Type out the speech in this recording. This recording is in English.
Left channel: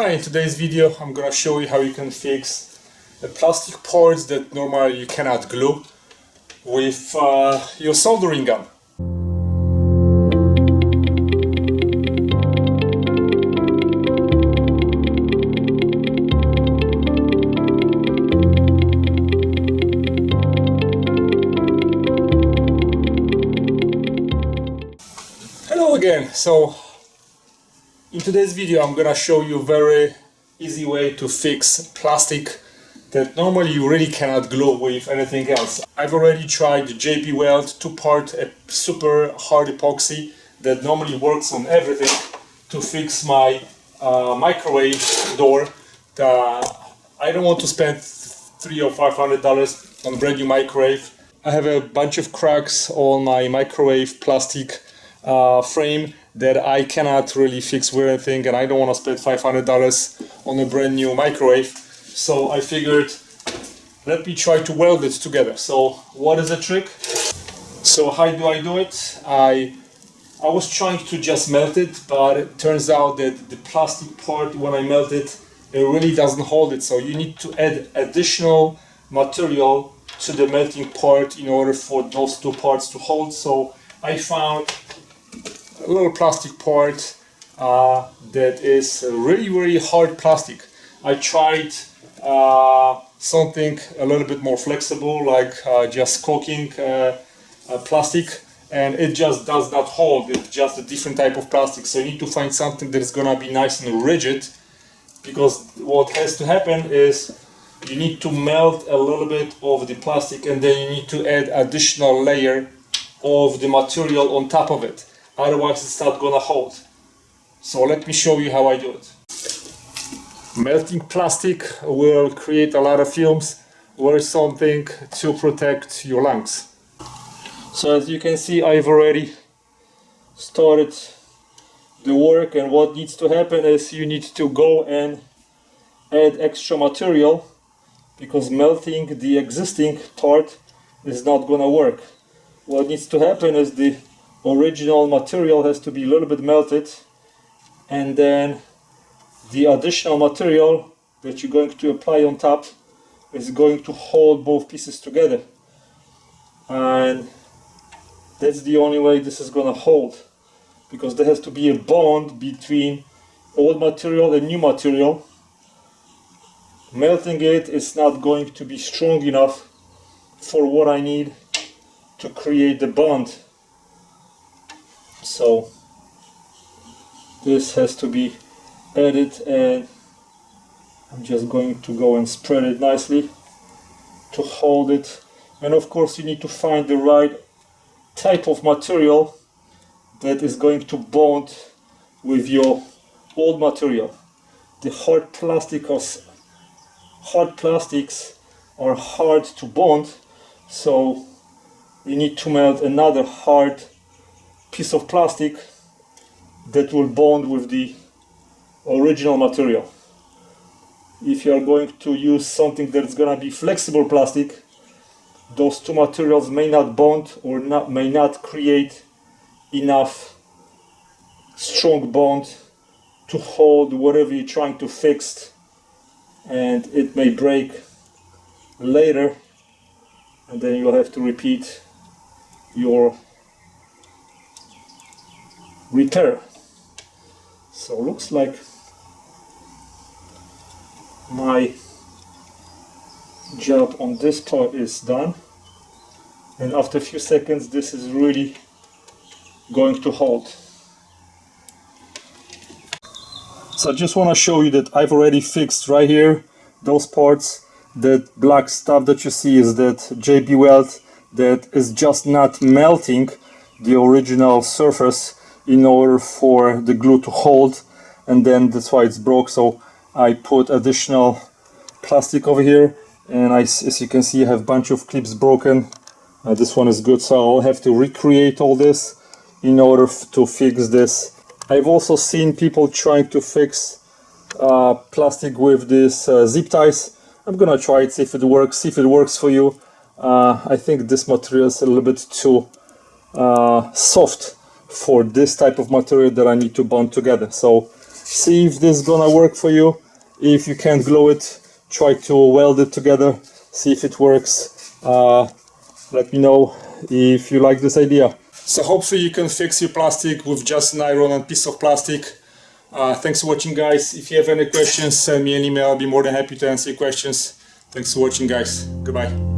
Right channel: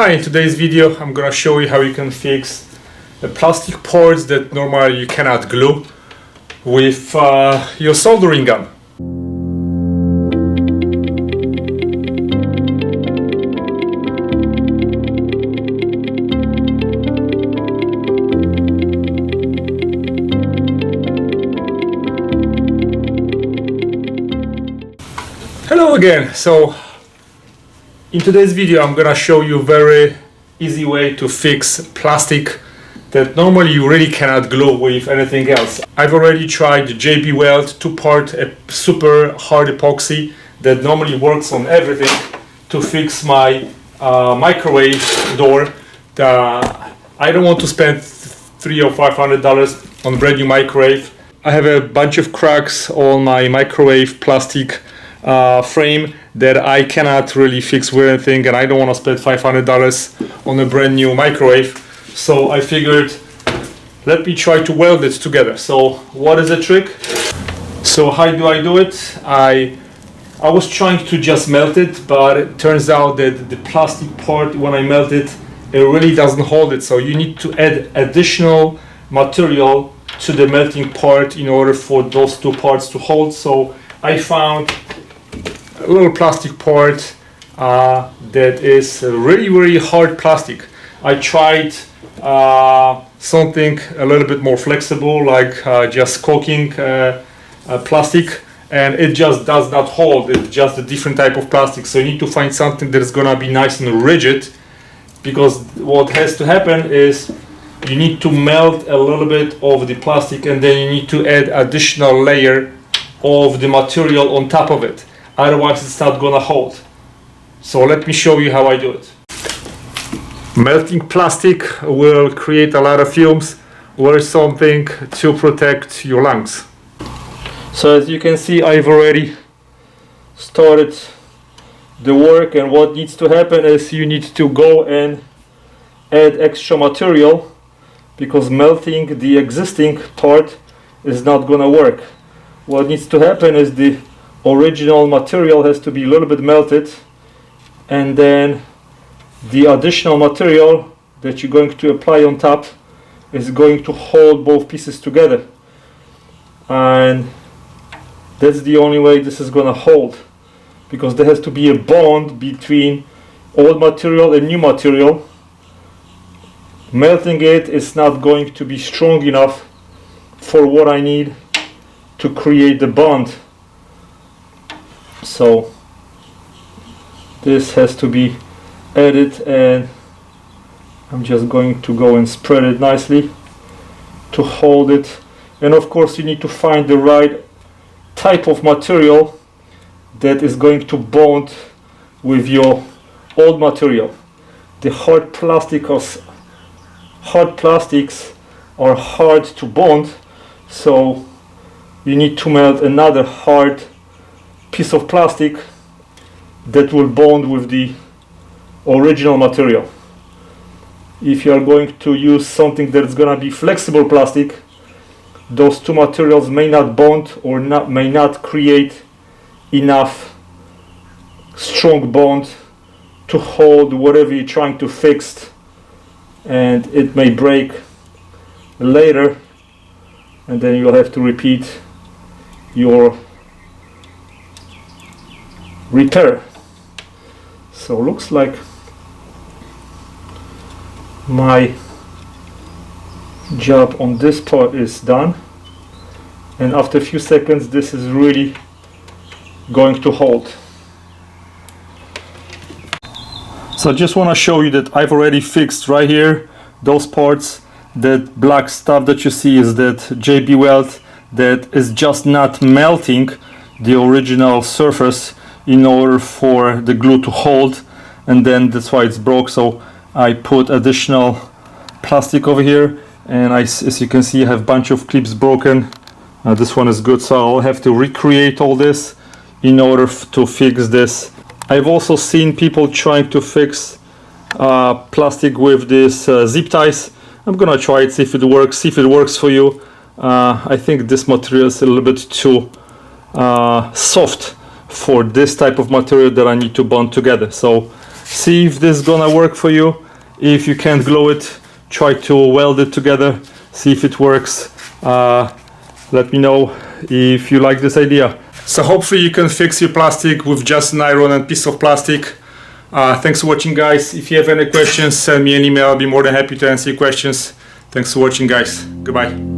Hi, in today's video I'm gonna show you how you can fix the plastic parts that normally you cannot glue with your soldering gun. Hello again. So in today's video I'm gonna show you a very easy way to fix plastic that normally you really cannot glue with anything else. I've already tried the JB Weld 2-part super hard epoxy that normally works on everything to fix my microwave door. I don't want to spend $300 or $500 on a brand new microwave. I have a bunch of cracks on my microwave plastic frame that I cannot really fix with anything, and I don't want to spend $500 on a brand new microwave. So I figured, let me try to weld it together. So what is the trick? So how do I do it? I was trying to just melt it, but it turns out that the plastic part, when I melt it, it really doesn't hold it. So you need to add additional material to the melting part in order for those two parts to hold. So I found a little plastic part that is really hard plastic. I tried something a little bit more flexible, like just caulking plastic, and it just does not hold. It's just a different type of plastic. So you need to find something that is gonna be nice and rigid, because what has to happen is you need to melt a little bit of the plastic, and then you need to add additional layer of the material on top of it. Otherwise it's not gonna hold. So let me show you how I do it. Melting plastic will create a lot of fumes. Wear something to protect your lungs. So as you can see, I've already started the work, and what needs to happen is you need to go and add extra material, because melting the existing part is not gonna work. What needs to happen is the original material has to be a little bit melted, and then the additional material that you're going to apply on top is going to hold both pieces together, and that's the only way this is going to hold, because there has to be a bond between old material and new material. Melting it is not going to be strong enough for what I need to create the bond. So this has to be added, and I'm just going to go and spread it nicely to hold it. And of course you need to find the right type of material that is going to bond with your old material. The hard plastics are hard to bond, so you need to melt another hard piece of plastic that will bond with the original material. If you are going to use something that's going to be flexible plastic, those two materials may not bond, or may not create enough strong bond to hold whatever you're trying to fix, and it may break later, and then you'll have to repeat your repair. So looks like my job on this part is done, and after a few seconds this is really going to hold. So I just want to show you that I've already fixed right here those parts. That black stuff that you see is that JB Weld that is just not melting the original surface in order for the glue to hold, and then that's why it's broke. So I put additional plastic over here, and as you can see, I have a bunch of clips broken. This one is good, so I'll have to recreate all this in order to fix this. I've also seen people trying to fix plastic with this zip ties. I'm gonna try it, see if it works for you. I think this material is a little bit too soft for this type of material that I need to bond together. So See if this is gonna work for you. If you can't glue it, try to weld it together, see if it works. Let me know if you like this idea. So hopefully you can fix your plastic with just an iron and piece of plastic. Thanks for watching, guys. If you have any questions, send me an email. I'll be more than happy to answer your questions. Thanks for watching, guys. Goodbye.